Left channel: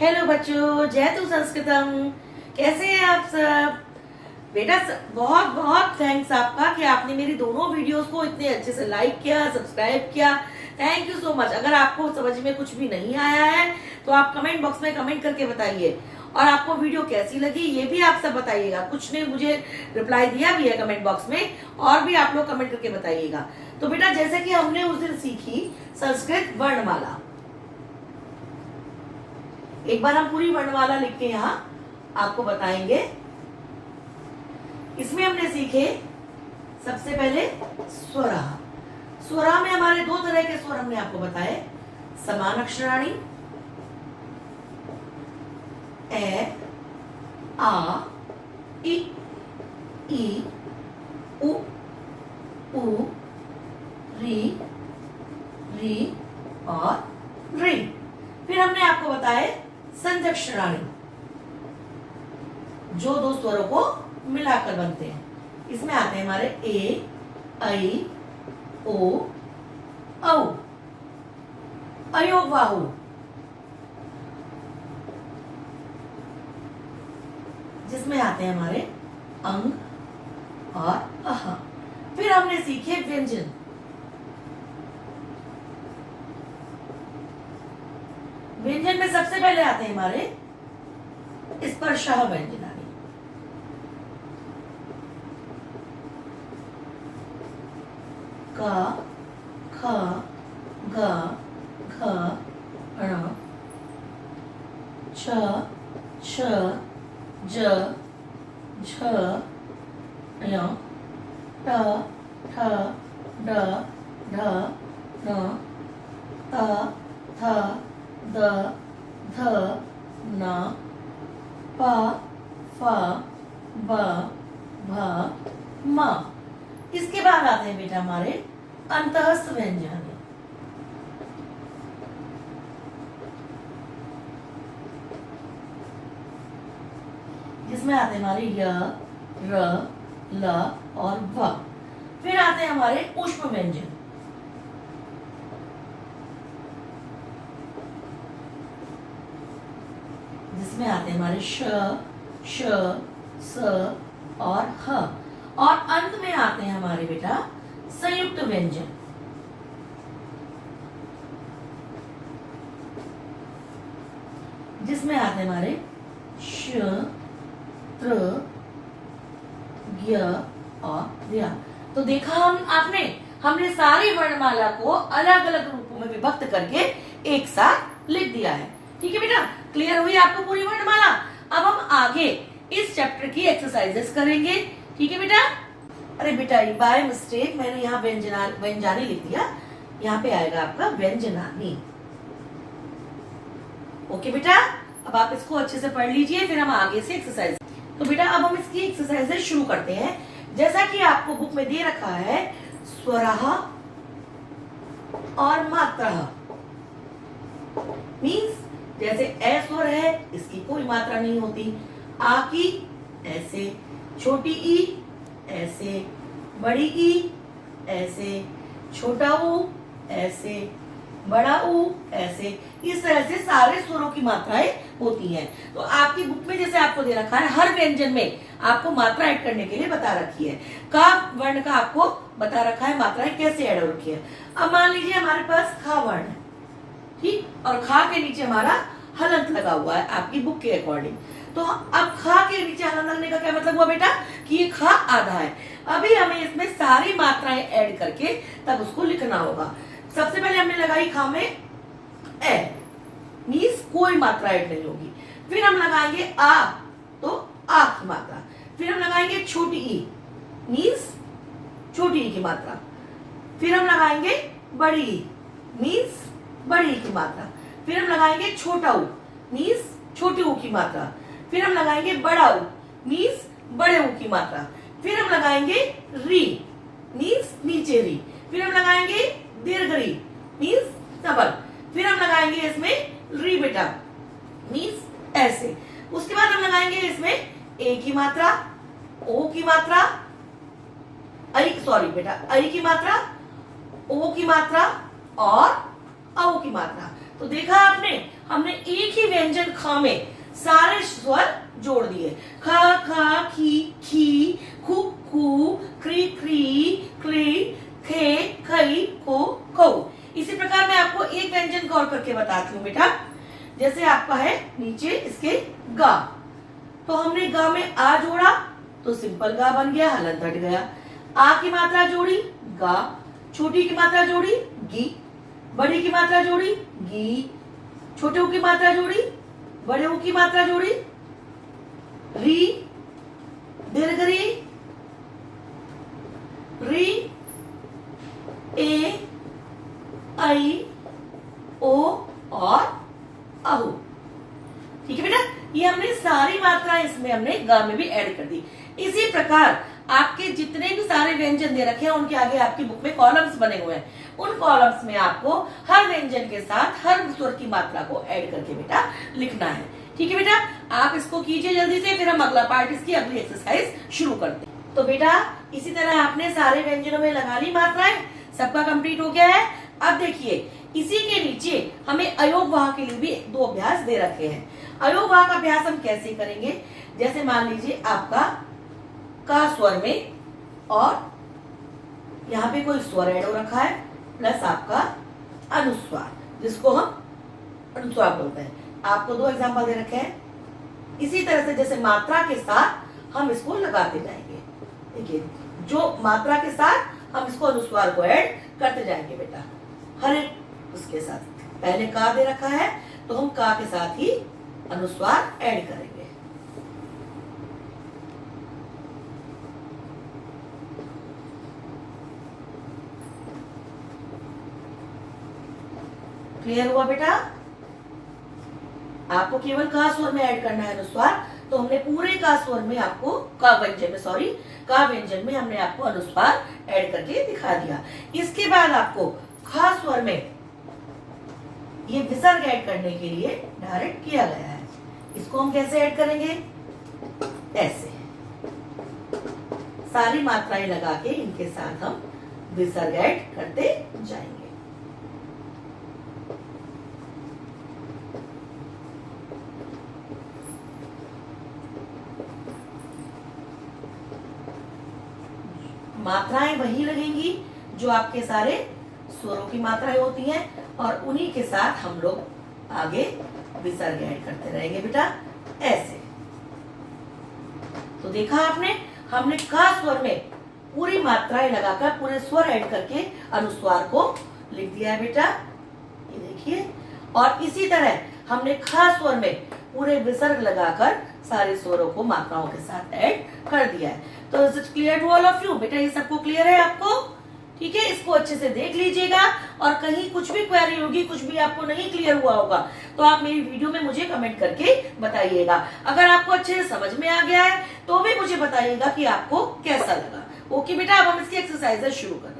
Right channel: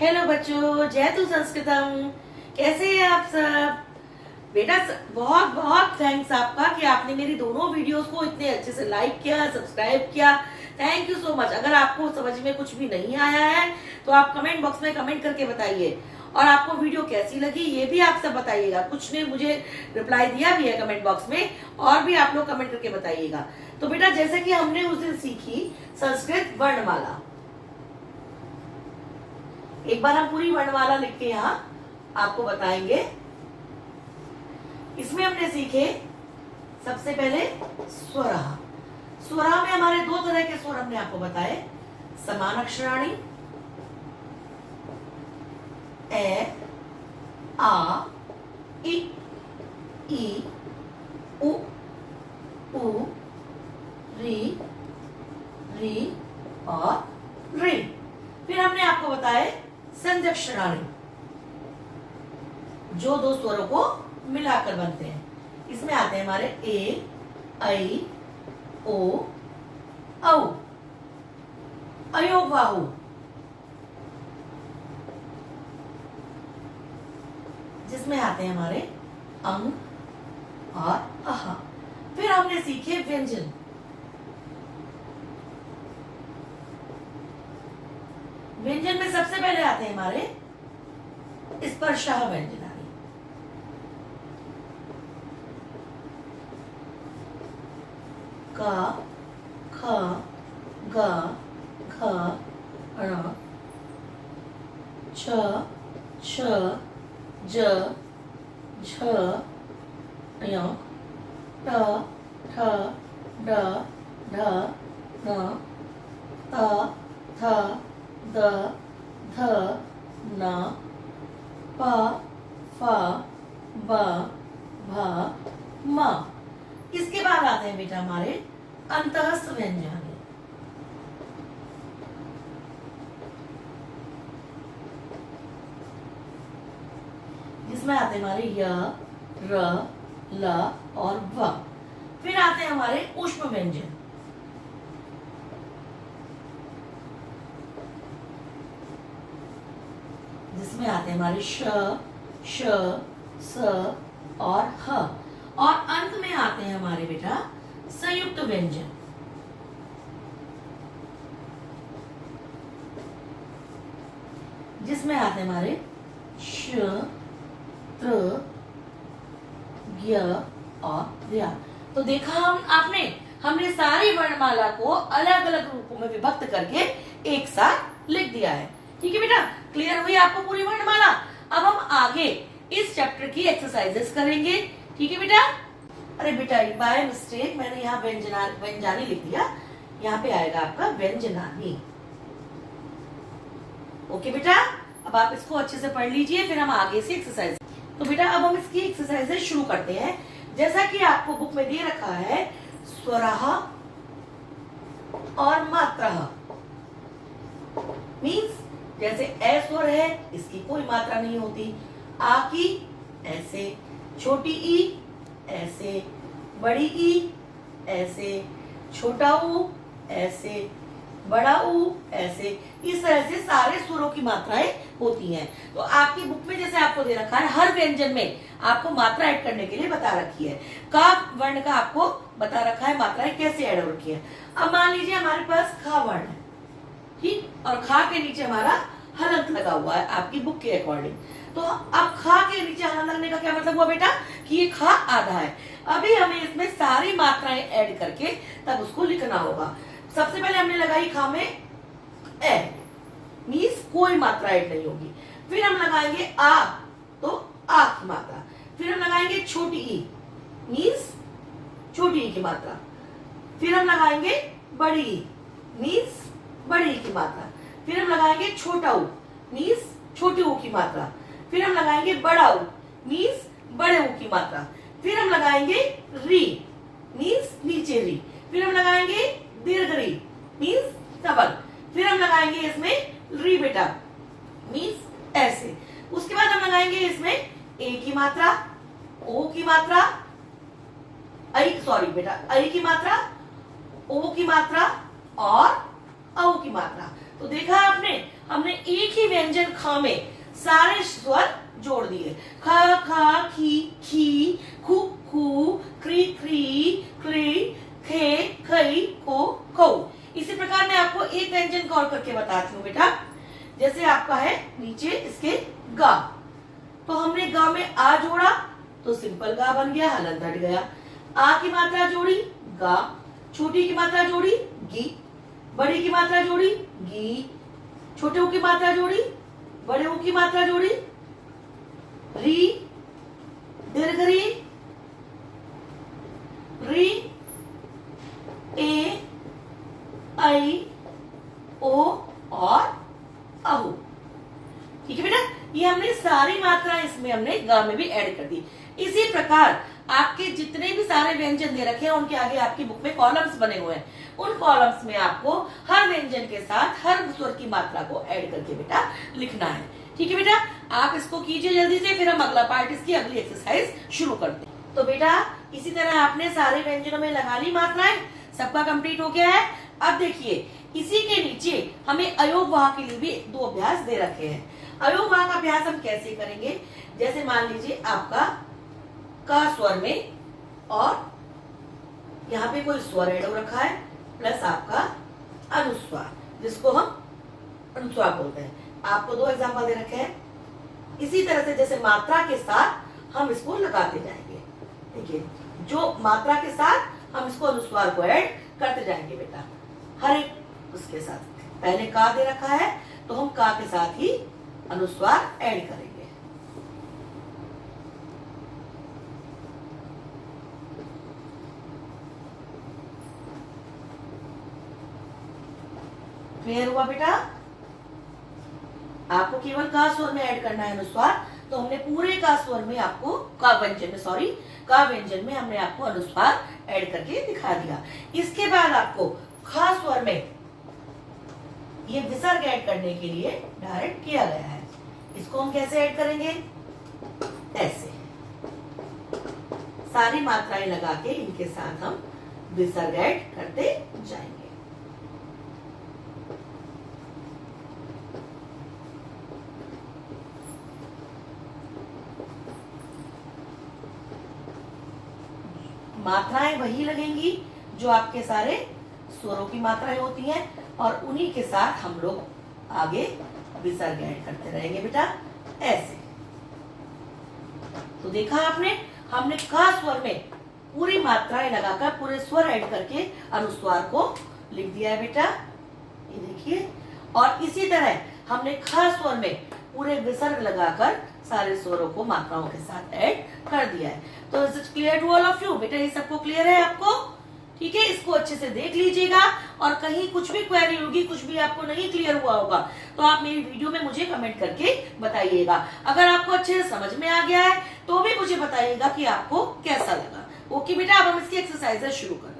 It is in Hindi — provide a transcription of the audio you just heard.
हेलो बच्चों, जयतु संस्कृतम। कैसे हैं आप सब? बेटा बहुत बहुत थैंक्स आपका कि आपने मेरी दोनों वीडियोस को इतने अच्छे से लाइक किया, सब्सक्राइब किया। Thank you so much. अगर आपको समझ में कुछ भी नहीं आया है तो आप कमेंट बॉक्स में कमेंट करके बताइए, और आपको वीडियो कैसी लगी ये भी आप सब बताइएगा। कुछ ने मुझे रिप्लाई दिया भी है कमेंट बॉक्स में, और भी आप लोग कमेंट करके बताइएगा। तो बेटा जैसे कि हमने उस दिन सीखी संस्कृत वर्णमाला, एक बार हम पूरी वर्णमाला लिख के यहाँ आपको बताएंगे। इसमें हमने सीखे सबसे पहले स्वरः। स्वरः में हमारे दो तरह के स्वर हमने आपको बताए, समान अक्षराणी ए, आ, ई, उ, री और री। फिर हमने आपको बताए संध्यक्षराणी, जो दो स्वरों को मिलाकर बनते हैं। इसमें आते हैं हमारे ए, ऐ, ओ, औ, अयो, वाहु। जिसमें आते हैं हमारे अंग और अह। फिर हमने सीखे व्यंजन। व्यंजन में सबसे पहले आते हैं हमारे स्पर्शः व्यंजनानि। क, ख, ग, घ, ण, छ, छ, ज, झ, ञ, ट, ठ, ड, ढ, ण, त, थ, द, ध, न, प, फ, ब, भ, म। इसके बाद आते हैं बेटा हमारे अंतःस्थ व्यंजन। जिसमें आते हैं हमारे य, र, ल और व। फिर आते हैं हमारे ऊष्म व्यंजन। जिसमें आते हैं हमारे श, श, स और ह। और अंत में आते हैं हमारे बेटा संयुक्त व्यंजन। जिसमें आते हैं हमारे श, त्र, ज्ञ और द्या। तो देखा हमने सारी वर्णमाला को अलग अलग रूपों में विभक्त करके एक साथ लिख दिया है। ठीक है बेटा, क्लियर हुई आपको पूरी वर्णमाला? अब हम आगे इस चैप्टर की एक्सरसाइजेस करेंगे। ठीक है बेटा? अरे बेटा बाय मिस्टेक मैंने यहाँ व्यंजनानी लिख दिया, यहाँ पे आएगा आपका व्यंजनानी। ओके बेटा, अब आप इसको अच्छे से पढ़ लीजिए, फिर हम आगे से एक्सरसाइज। तो बेटा अब हम इसकी एक्सरसाइजेस शुरू करते हैं। जैसा कि आपको बुक में दे रखा है स्वरः और मात्रः। मीन्स जैसे ए स्वर है, इसकी कोई मात्रा नहीं होती। आ की ऐसे, छोटी ई ऐसे, बड़ी ई ऐसे, छोटा ऊ ऐसे, बड़ा ऊ ऐसे। इस तरह से सारे स्वरों की मात्राएं होती हैं। तो आपकी बुक में जैसे आपको दे रखा है, हर व्यंजन में आपको मात्रा ऐड करने के लिए बता रखी है। का वर्ण का आपको बता रखा है मात्राएं कैसे ऐड हो रखी है। अब मान लीजिए हमारे पास खा वर्ण है, ठीक, और खा के नीचे हमारा हलंत लगा हुआ है आपकी बुक के अकॉर्डिंग। तो अब खा के नीचे हलंत लगने का क्या मतलब हुआ बेटा कि ये खा आधा है। अभी हमें इसमें सारी मात्राएं ऐड करके तब उसको लिखना होगा। सबसे पहले हमने लगाई खा में ए, मीन्स कोई मात्रा ऐड नहीं होगी। फिर हम लगाएंगे आ, तो आ की मात्रा। फिर हम लगाएंगे छोटी ई, मीन्स छोटी ई की मात्रा। फिर हम लगाएंगे बड़ी ई, मीन्स बड़ी ई की मात्रा। फिर हम लगाएंगे छोटा ऊ, मीन्स छोटे ऊ की मात्रा। फिर हम लगाएंगे बड़ा ऊ, मीन्स बड़े ऊ की मात्रा। फिर हम लगाएंगे री, मीन्स नीचे री। फिर हम लगाएंगे दीर्घ री, मीन्स डबल। फिर हम लगाएंगे इसमें री बेटा, मीन्स ऐसे। उसके बाद हम लगाएंगे इसमें ए की मात्रा, ओ की मात्रा, सॉरी बेटा, ऐ की मात्रा, ओ की मात्रा और औ की मात्रा। तो देखा आपने, हमने एक ही व्यंजन ख में सारे स्वर जोड़ दिए। ख, ख, खी, खी, खु, खू, क्री, क्री, क्ली, खे, खई, को, कऊ। इसी प्रकार मैं आपको एक व्यंजन को और करके बताती हूँ बेटा। जैसे आपका है नीचे इसके गा, तो हमने गा में आ जोड़ा तो सिंपल गा बन गया, हलंत हट गया। आ की मात्रा जोड़ी गा, छोटी की मात्रा जोड़ी गी, बड़ी की मात्रा जोड़ी गी, छोटे की मात्रा जोड़ी, बड़े की मात्रा जोड़ी री, दीर्घ री, री, ए, आई, ओ और अहू। ठीक है बेटा, ये हमने सारी मात्राएं इसमें हमने ग में भी ऐड कर दी। इसी प्रकार आपके जितने भी सारे व्यंजन दे रखे हैं उनके आगे आपकी बुक में कॉलम्स बने हुए हैं। उन कॉलम्स में आपको हर व्यंजन के साथ हर स्वर की मात्रा को ऐड करके बेटा लिखना है। ठीक है बेटा, आप इसको कीजिए जल्दी से, फिर हम अगला पार्ट इसकी अगली एक्सरसाइज शुरू करते हैं। तो बेटा इसी तरह आपने सारे व्यंजनों में लगा ली मात्राएं, सबका कंप्लीट हो गया है। अब देखिए इसी के नीचे हमें अयोग वाह के लिए भी 2 अभ्यास दे रखे हैं। अयोग वाह का अभ्यास हम कैसे करेंगे, जैसे मान लीजिए आपका का स्वर में और यहाँ पे कोई स्वर ऐड हो रखा है प्लस आपका अनुस्वार, जिसको हम अनुस्वार बोलते हैं। आपको 2 एग्जांपल दे रखे हैं। इसी तरह से जैसे मात्रा के साथ हम इसको लगाते जाएंगे। देखिए जो मात्रा के साथ हम इसको अनुस्वार को ऐड करते जाएंगे बेटा, हर एक उसके साथ। पहले का दे रखा है तो हम का के साथ ही अनुस्वार ऐड करेंगे। क्लियर हुआ बेटा? आपको केवल का स्वर में ऐड करना है अनुस्वार, तो हमने पूरे का स्वर में आपको का व्यंजन में हमने आपको अनुस्वार ऐड करके दिखा दिया। इसके बाद आपको खा स्वर में ये विसर्ग ऐड करने के लिए डायरेक्ट किया गया है। इसको हम कैसे ऐड करेंगे, ऐसे सारी मात्राएं लगा के इनके साथ हम विसर्ग ऐड करते जाएंगे। मात्राएं वही लगेंगी जो आपके सारे स्वरों की मात्राएं होती हैं, और उन्हीं के साथ हम लोग आगे विसर्ग ऐड करते रहेंगे बेटा, ऐसे। तो देखा आपने, हमने का स्वर में पूरी मात्राएं लगाकर पूरे स्वर ऐड करके अनुस्वार को लिख दिया है बेटा, ये देखिए। और इसी तरह हमने खा स्वर में पूरे विसर्ग लगाकर सारे स्वरों को मात्राओं के साथ ऐड कर दिया है। तो is it clear to all of you? बेटा ये सबको क्लियर है आपको? ठीक है, इसको अच्छे से देख लीजिएगा, और कहीं कुछ भी क्वेरी होगी, कुछ भी आपको नहीं क्लियर हुआ होगा, तो आप मेरी वीडियो में मुझे कमेंट करके बताइएगा। अगर आपको अच्छे से समझ में आ गया है तो भी मुझे बताइएगा कि आपको कैसा लगा। ओके बेटा, अब हम इसकी एक्सरसाइजेस शुरू करते हैं।